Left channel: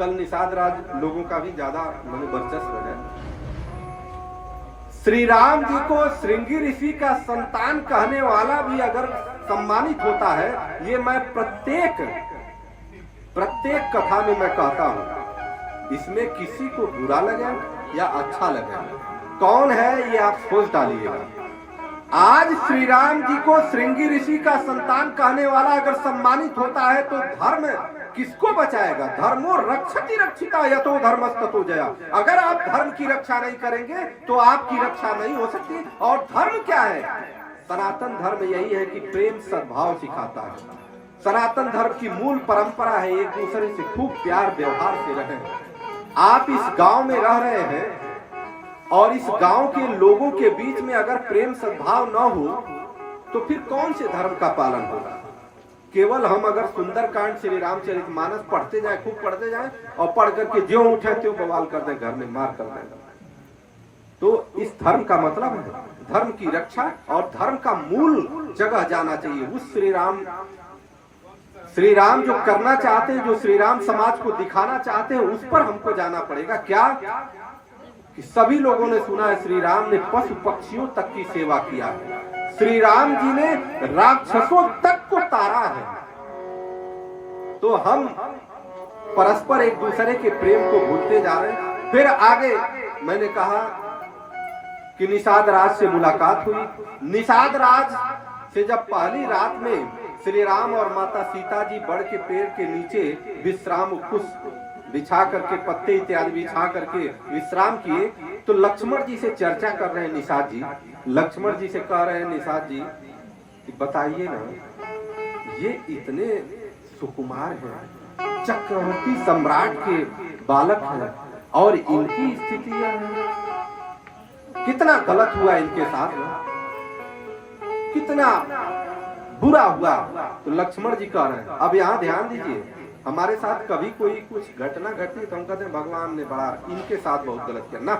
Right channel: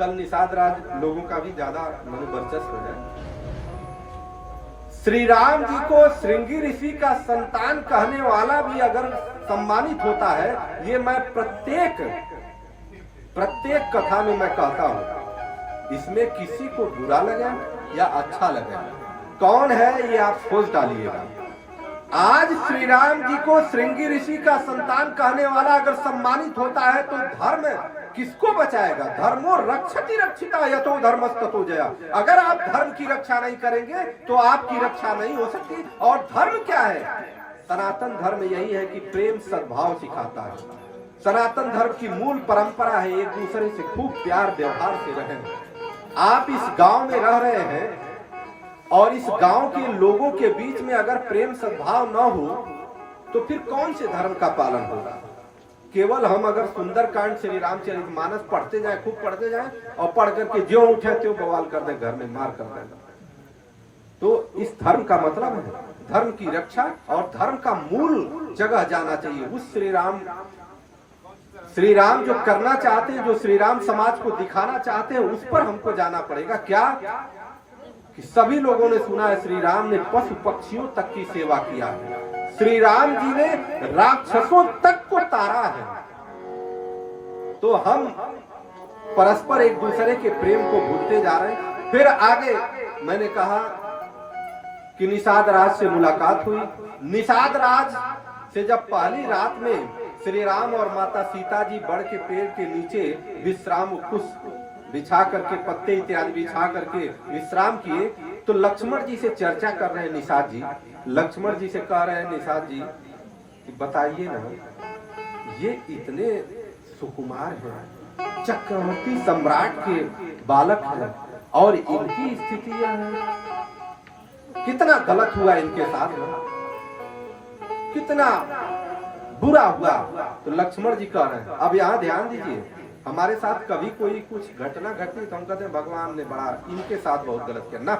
कल निषाद राज लोगों का भी ज्यादा मनोवर्चस्व है। श्री राम जी को श्रृंगी ऋषि का संतान कहने वाला भी अगर सम्मानित होता है, ये मैं प्रत्येक कथा में मैं कहता हूं। इसमें किसी को बुरा लगे या अच्छा लगे, कौन है ये आप सोच डालिएगा। आज श्री राम जी को श्रृंगी ऋषि का संतान कहने वाला अगर सम्मानित होता है तो धर्म किसको बचाएगा? धर्मो रक्षति रक्षिता यतो धर्मस्ततो जया। अगर आप धर्म की रक्षा नहीं करेंगे तो आपकी रक्षा नहीं हो सकती। और धर्म क्या है? सनातन धर्म यही है कि प्रेम सद्भाव सिखाता है। सनातन धर्म की मूल परंपरा है एक दूसरे से खूब प्यार व्यवहार से रहें। आप इस गांव में रह रहे हैं और इस गांव के लोगों के बीच में अगर प्रेम सद्भाव न हो तो फिर कौन से धर्म का पालन होगा? केवल हम अगर सुंदरकांड श्री रामचरितमानस पढ़ते जाए, खूब पढ़ते जाए और पढ़ करके ज्यों उठे त्यों बवाल कर दे, घर में मार कर दे, तो इस धर्म का मतलब है धर्म की रक्षा और धर्म का मूल जगह जाना चाहिए। उस श्री राम जो करना चाहते हैं, जो श्री राम समाज को दिखाना चाहते हैं, उस पर हमको जाना पड़ेगा। क्या कि सभी लोगों ने सुना है श्री राम ने पशु पक्षियों तक की सेवा किया है। श्री राम जी ने राक्षसों तक को तारा है। तो हम परस्पर एक दूसरे के प्रेम को भूलते जा रहे हैं। फिर आगे मैंने कहा कि निषाद राज से मुलाकात हुई। निषाद राज से जब पहली रात में श्री राम और माता सीता जी बड़ के पेड़ के नीचे विश्राम कुश बिछा करके, पत्ते इत्यादि बिछा करके विश्राम किए, तो लक्ष्मण जी से चर्चा कर रहे हैं निषाद जी। लक्ष्मण जी से कह रहे हैं निषाद जी कि बताइए ना, ये इतने सुकुमार हैं, चक्रवर्ती सम्राट के बालक हैं और इनकी स्थिति यह है, कितना गलत हुआ इनके साथ में, कितना बुरा हुआ। तो लक्ष्मण जी कह रहे हैं अब यहाँ ध्यान दीजिए, हमारे साथ कभी कोई कुछ घटना घटी तो हम कहते हैं भगवान ने बड़ा इनके साथ बहुत गलत किया ना।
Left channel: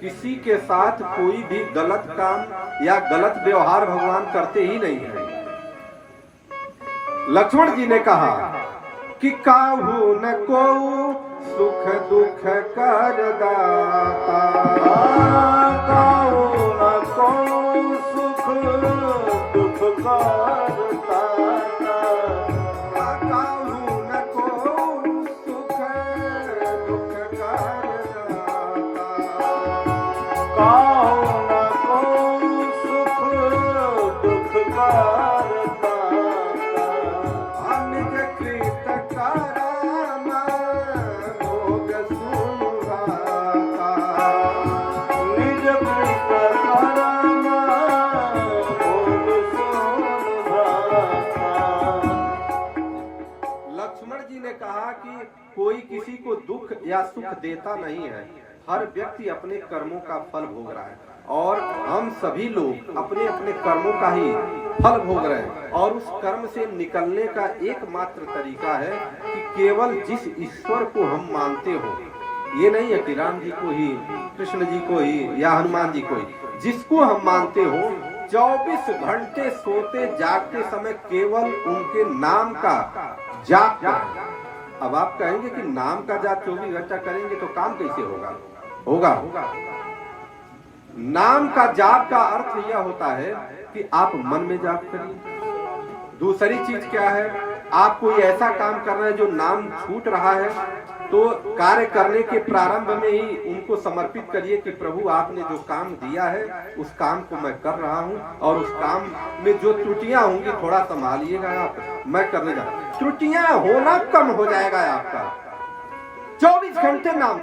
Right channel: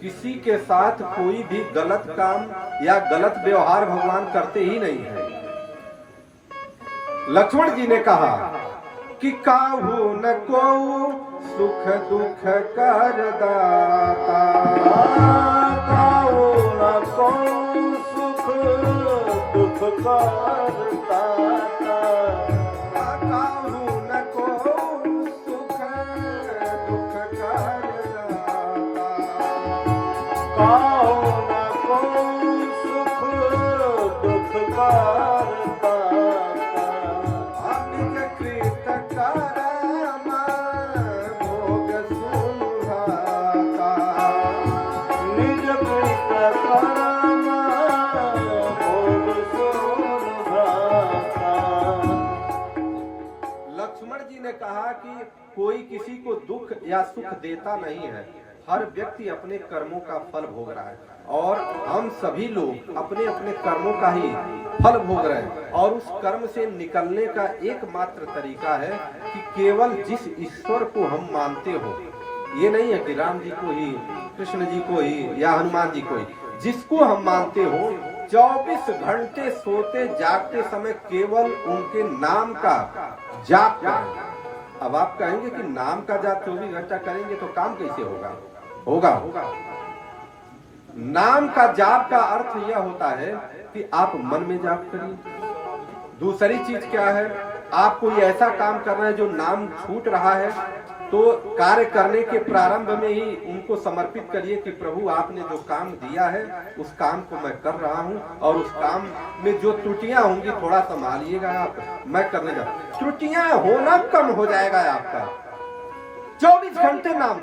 किसी के साथ कोई भी गलत काम या गलत व्यवहार भगवान करते ही नहीं है। लक्ष्मण जी ने कहा कि काहू न को सुख दुख कर दाता, काहू न को सुख दुख कर कि कोई किसी को दुख या सुख देता नहीं है। हर व्यक्ति अपने कर्मों का फल भोग रहा है और हम सभी लोग अपने अपने कर्मों का ही फल भोग रहे हैं। और उस कर्म से निकलने का एकमात्र तरीका है कि केवल जिस ईश्वर को हम मानते हो, ये नहीं है कि राम जी को ही, कृष्ण जी को ही या हनुमान जी को ही, जिसको हम मानते हो 24 घंटे सोते जागते समय केवल उनके नाम का जाप करें। अब आप कहेंगे कि नाम का जाप 24 घंटा करेंगे तो काम कैसे होगा? नाम का जाप का अर्थ यह होता है कि आप मन में जाप करिए। दूसरी चीज क्या है, आप कोई ऐसा काम कर रहे हैं जो नाम छूट रहा है, तो कार्य करने के प्रारंभ में ही उनको समर्पित करिए कि प्रभु आपने जो काम दिया है उस काम को मैं कर रहा हूँ और उस काम में जो त्रुटियां होंगी थोड़ा संभालिएगा आप, मैं करने जा रहा हूँ। त्रुटियां होना कम हो जाएगा आपका। 24 घंटे नाम